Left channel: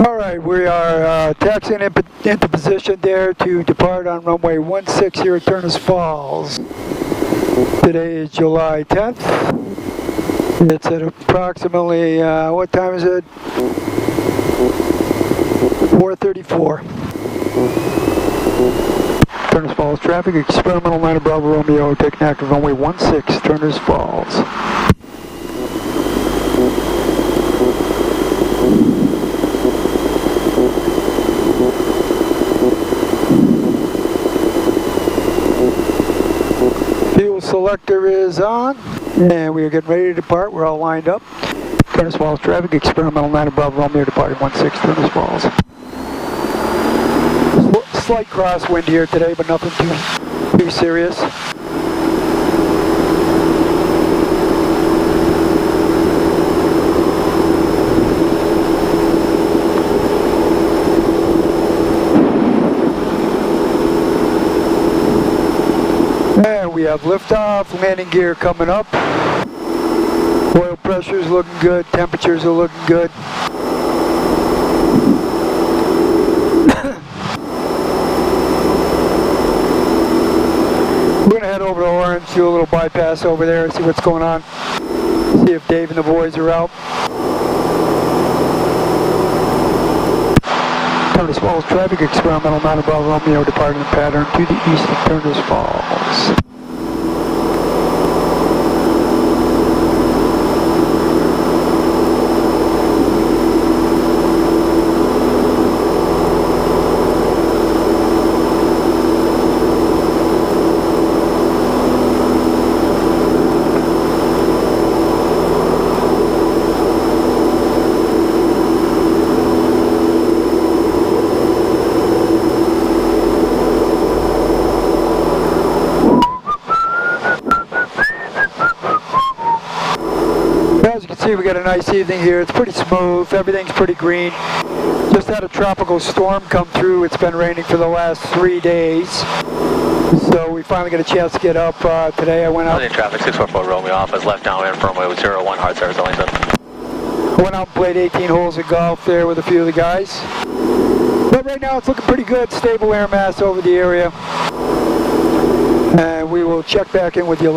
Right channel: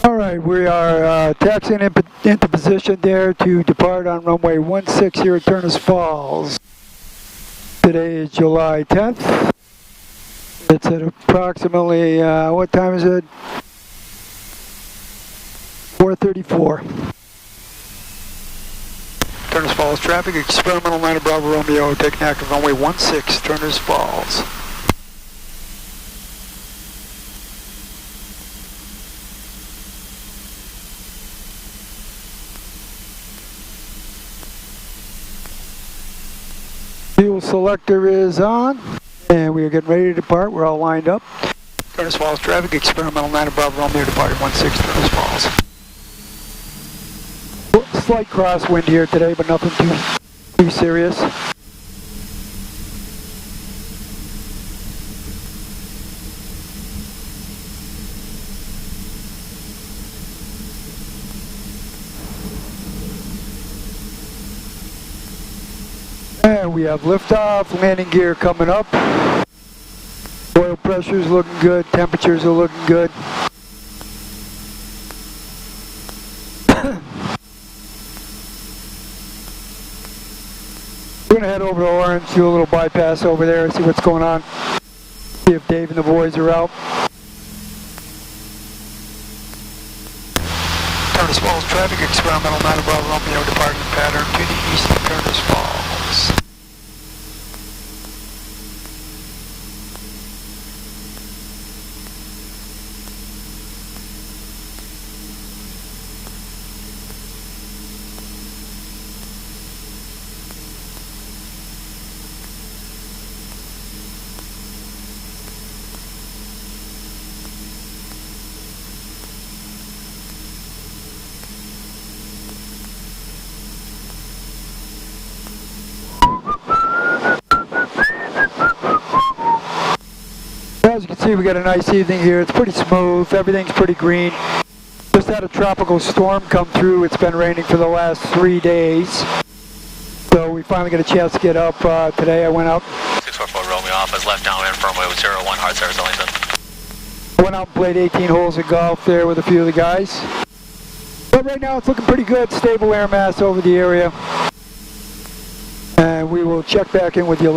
All right, we are taxiing into position there to depart on runway 16 here at Turners Falls. Today is July 10th. It's at approximately, what time is it? 4:34. Turners Falls traffic, experimental 9 Bravo Romeo, taking active runway 16, Turners Falls. Fuel selector is on, and we are getting ready to depart. We're all lined up. Turners Falls traffic, experimental 9 Bravo Romeo, departing 16 Turners Falls. Slight crosswind here today, but nothing too serious. And we have liftoff, landing gear coming up. Oil pressure is looking good, temperatures are looking good. We're going to head over to Orange, do a little bypass over there and see what's going on. See if Dave and the boys are out. Turners Falls traffic, experimental 9 Bravo Romeo, departing pattern to the east of Turners Falls. As you can see, we got a nice evening here. It's pretty smooth. Everything's pretty green. Just had a tropical storm come through. It's been raining for the last 3 days. So we finally got a chance to get up today. I went out. Traffic 644 Romeo Office, left downwind firmway with 01 hard service only. I went out and played 18 holes of golf there with a few of the guys. But right now it's looking pretty good. Stable air mass over the area. And we will check back in with you later.